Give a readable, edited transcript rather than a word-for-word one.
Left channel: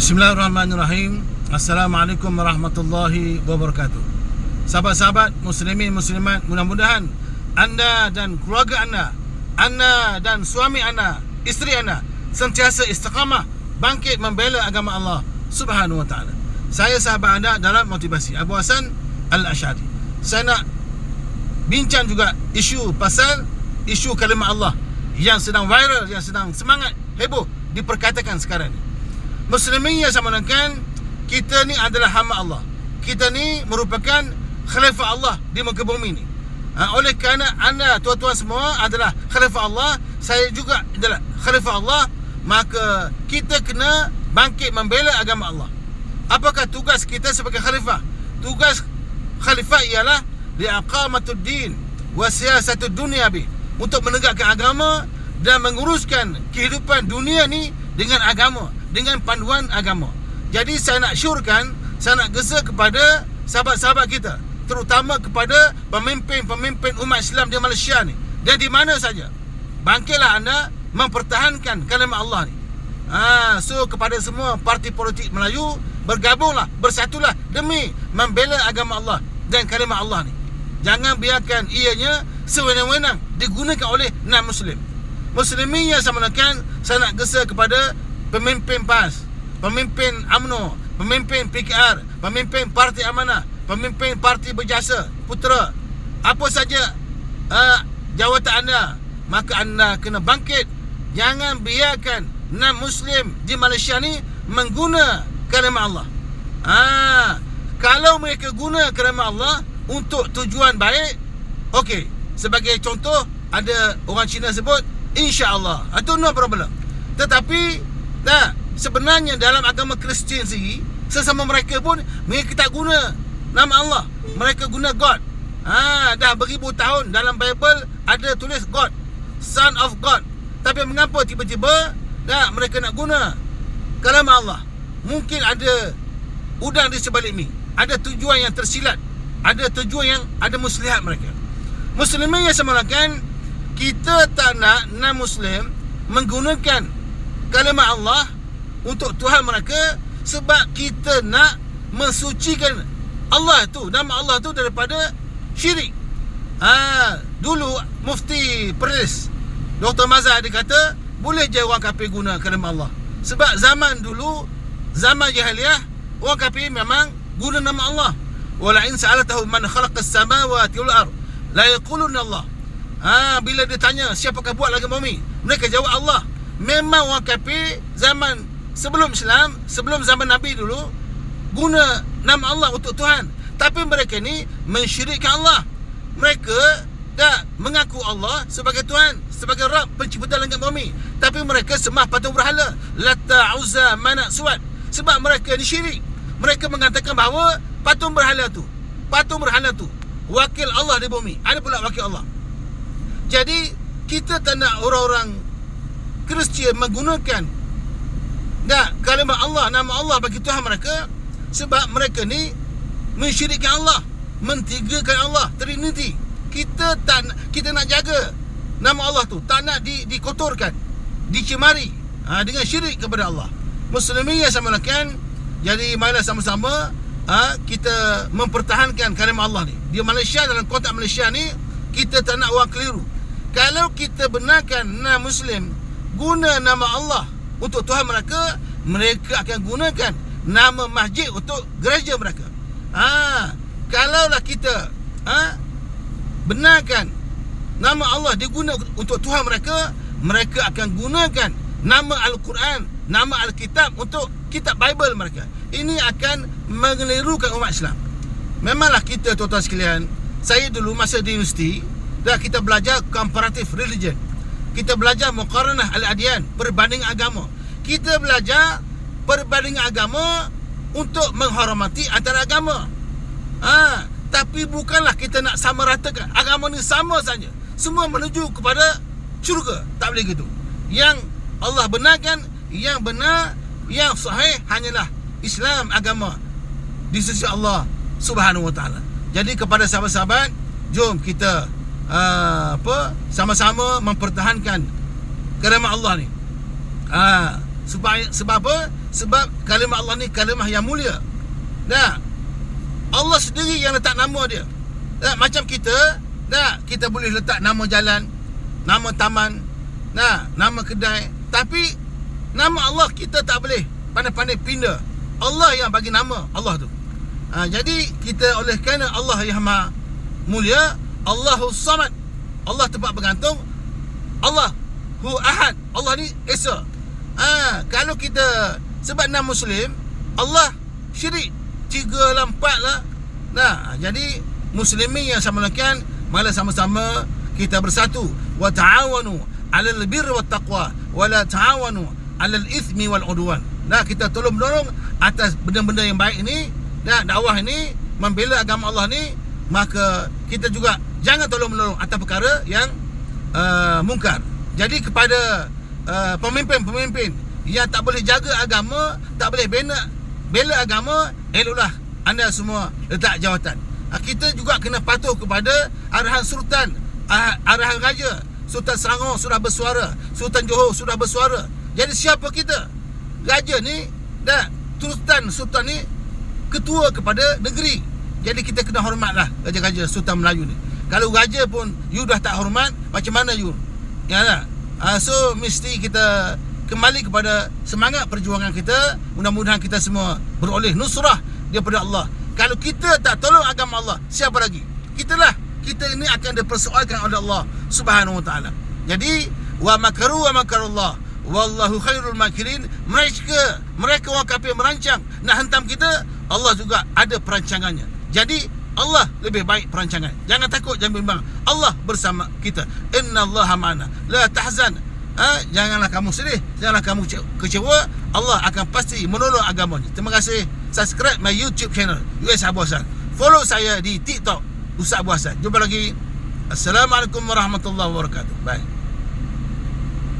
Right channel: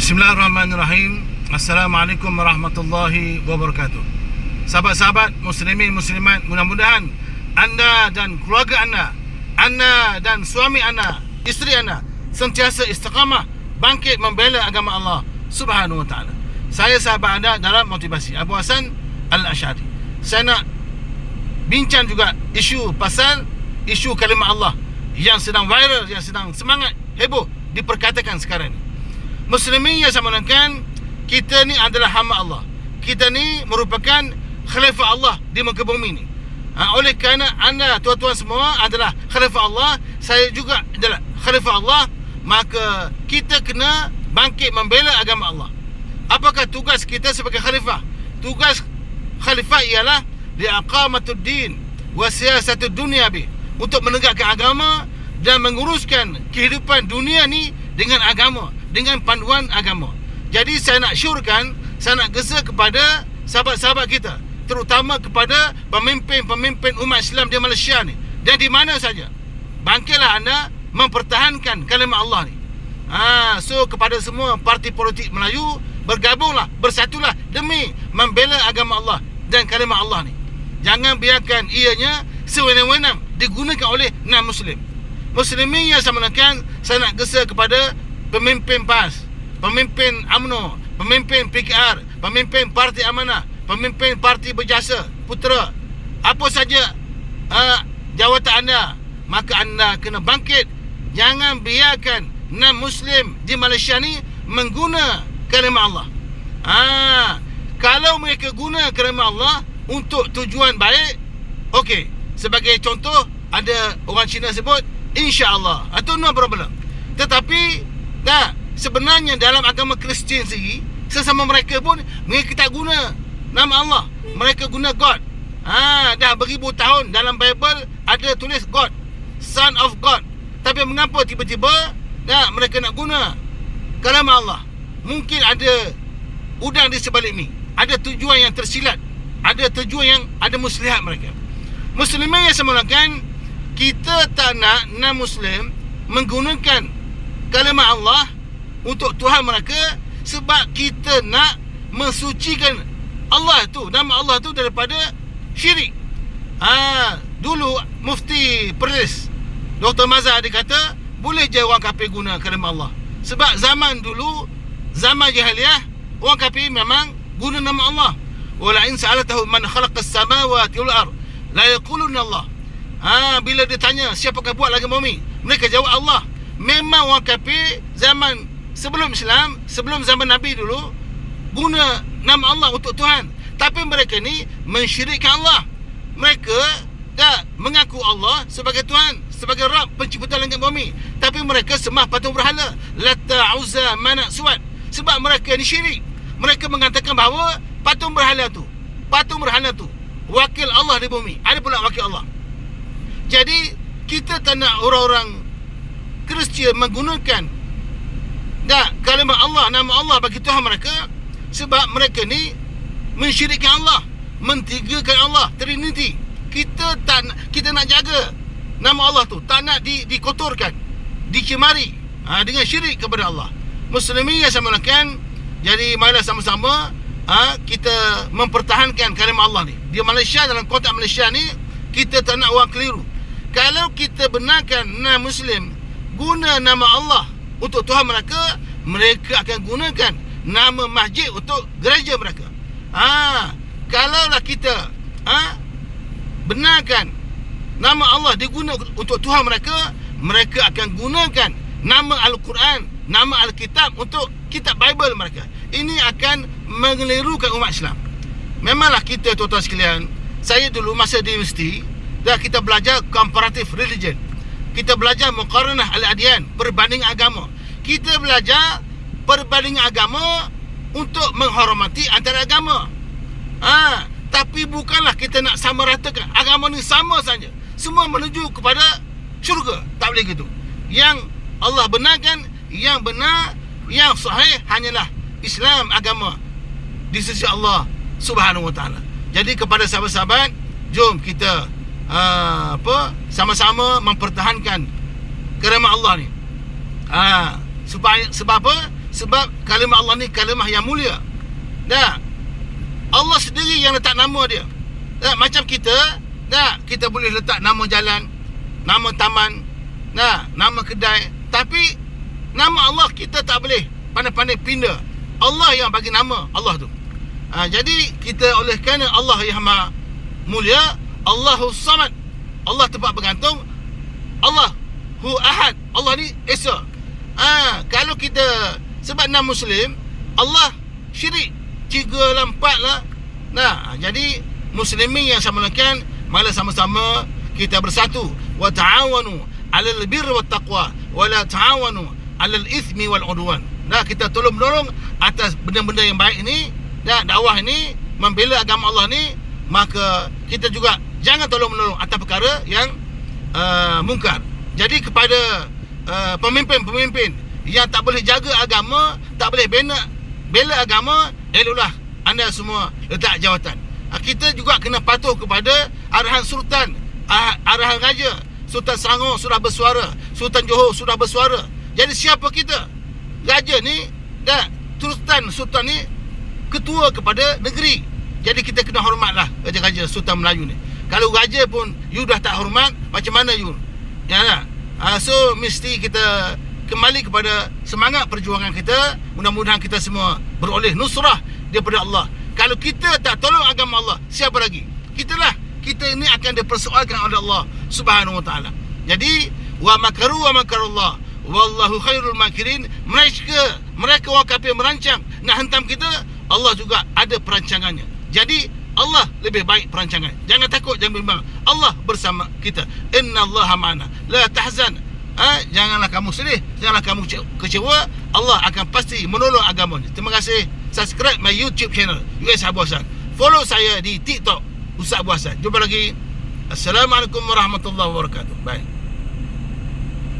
Bismillahirrahmanirrahim. Assalamualaikum warahmatullahi wabarakatuh. Sahabat-sahabat muslimin muslimat, mudah-mudahan anda dan keluarga anda dan suami anda, isteri anda sentiasa istiqamah bangkit membela agama Allah Subhanahu wa taala. Saya sahabat anda dalam motivasi, Abu Hasan Al-Asy'ari. Saya nak bincang juga isu kalimah Allah yang sedang viral, yang sedang semangat heboh diperkatakan sekarang ni. Muslimin yang saya menangkan, kita ni adalah hamba Allah. Kita ni merupakan khalifah Allah di muka bumi ni. Oleh kerana anda tuan-tuan semua adalah khalifah Allah, saya juga adalah khalifah Allah, maka kita kena bangkit membela agama Allah. Apakah tugas kita sebagai khalifah? Tugas khalifah ialah liaqamatud din wa siyasatud dunya bi, untuk menegakkan agama dan menguruskan kehidupan dunia ni dengan agama, dengan panduan agama. Jadi saya nak syorkan, saya nak gesa kepada sahabat-sahabat kita, terutama kepada pemimpin-pemimpin umat Islam di Malaysia ni dan di mana saja. Bangkitlah anda mempertahankan kalimah Allah ni. So kepada semua parti politik Melayu, bergabunglah, bersatulah demi membela agama Allah dan kalimah Allah ni. Jangan biarkan ianya sewenang-wenang digunakan oleh non-Muslim. Muslimin yang saya menekan, saya nak gesa kepada pemimpin PAS, pemimpin UMNO, pemimpin PKR, pemimpin Parti Amanah, pemimpin Parti Berjasa Putera, apa saja jawatan anda, maka anda kena bangkit. Jangan biarkan non-Muslim di Malaysia ni mengguna kalimah Allah. Kalau mereka guna kalimah Allah untuk tujuan baik, okey. Sebagai contoh, ada orang Cina sebut insya-Allah, itu no problem. Tetapi sebenarnya dalam agama Kristian sendiri, sesama mereka pun mereka tak guna nama Allah, mereka guna God. Dah beribu tahun dalam Bible ada tulis God, Son of God. Tapi mengapa tiba-tiba mereka nak guna kalimah Allah? Mungkin ada udang di sebalik ni, ada tujuan yang tersilat, ada tujuan yang ada muslihat mereka. Muslimin yang semulakan, kita tak nak non-Muslim menggunakan kalimah Allah untuk Tuhan mereka, sebab kita nak mensucikan Allah tu, nama Allah tu daripada syirik. Dulu Mufti Perlis Dr. Mazhar dia kata, boleh je orang kafir guna kalimah Allah. Sebab zaman dulu, zaman jahiliah, orang kafir memang guna nama Allah. Wala in sa'alatahu man khalaqas samawati wal ard la yaquluna Allah. Bila dia tanya siapakah buat langit bumi, mereka jawab Allah. Memang orang kafir zaman sebelum Islam, sebelum zaman Nabi dulu, guna nama Allah untuk Tuhan. Tapi mereka ni mensyirikkan Allah. Mereka dah mengaku Allah sebagai Tuhan, sebagai Rabb pencipta langit bumi, tapi mereka sembah patung berhala, Lata, Uzza, Manat, Suat. Sebab mereka ni syirik. Mereka mengatakan bahawa patung berhala tu wakil Allah di bumi, ada pula wakil Allah. Jadi kita tak nak orang-orang Kristian menggunakan kalimah Allah, nama Allah bagi Tuhan mereka, sebab mereka ni mensyirikkan Allah, mentigakan Allah, Trinity. Kita nak jaga nama Allah tu, tak nak dikotorkan, dicemari dengan syirik kepada Allah. Muslimin yang saya mulakan, jadi marilah sama-sama kita mempertahankan kalimah Allah ni di Malaysia. Dalam konteks Malaysia ni, kita tak nak orang keliru. Kalau kita benarkan non-Muslim guna nama Allah untuk Tuhan mereka, mereka akan gunakan nama masjid untuk gereja mereka. Kalaulah kita benarkan nama Allah digunakan untuk Tuhan mereka, mereka akan gunakan nama Al-Quran, nama Alkitab untuk kitab Bible mereka. Ini akan mengelirukan umat Islam. Memanglah kita tuan-tuan sekalian, saya dulu masa di universiti, kita belajar comparative religion, kita belajar muqaranah al-adyan, perbanding agama. Kita belajar perbanding agama untuk menghormati antara agama. Tapi bukanlah kita nak sama ratakan agama ni sama saja, semua menuju kepada syurga. Tak boleh gitu. Yang Allah benarkan, yang benar, yang sahih hanyalah Islam, agama di sisi Allah Subhanahu wa taala. Jadi kepada sahabat-sahabat, jom kita sama-sama mempertahankan kalimah Allah ni. Sebab apa? Sebab kalimah Allah ni kalimah yang mulia. Nah, Allah sendiri yang letak nama dia. Nah, macam kita, nah, kita boleh letak nama jalan, nama taman, nah, nama kedai, tapi nama Allah kita tak boleh pandai-pandai pindah. Allah yang bagi nama Allah tu. Jadi kita oleh kerana Allah yang maha mulia, Allahus Samad, Allah tempat bergantung, Allah Hu Ahad, Allah ni Esa. Kalau kita sebab nama Muslim, Allah syirik 3 lah 4 lah. Nah, jadi muslimin yang sama lakukan, malah sama-sama kita bersatu. Wa ta'awanu 'alal birri wat taqwa wa la ta'awanu 'alal itsmi wal 'udwan. Nah, kita tolong menolong atas benda-benda yang baik ini, dan dakwah ini, membela agama Allah ni, maka kita juga jangan tolong menolong atas perkara yang mungkar. Jadi kepada pemimpin-pemimpin yang tak boleh jaga agama, tak boleh bela agama, eloklah anda semua letak jawatan. Kita juga kena patuh kepada arahan sultan, arahan raja. Sultan Selangor sudah bersuara, Sultan Johor sudah bersuara. Jadi siapa kita? Raja ni dan sultan ni ketua kepada negeri. Jadi kita kena hormatlah raja-raja Sultan Melayu ni. Kalau raja pun you dah tak hormat, macam mana you? Yalah. So mesti kita kembali kepada semangat perjuangan kita. Mudah-mudahan kita semua beroleh nusrah daripada Allah. Kalau kita tak tolong agama Allah, siapa lagi? Kita ini akan dipersoalkan oleh Allah Subhanahu wa taala. Jadi wa makaru wa makarullah wallahu khairul makirin. Mereka orang kafir merancang nak hentam kita, Allah juga ada perancangannya. Jadi Allah lebih baik perancangan. Jangan takut, jangan bimbang. Allah bersama kita. Innallaha ma'ana. La tahzan. Janganlah kamu sedih, janganlah kamu kecewa. Allah akan pasti menolong agamanya. Terima kasih. Subscribe my YouTube channel US Abu Hassan. Follow saya di TikTok Ustaz Abu Hassan. Jumpa lagi. Assalamualaikum warahmatullahi wabarakatuh. Bye.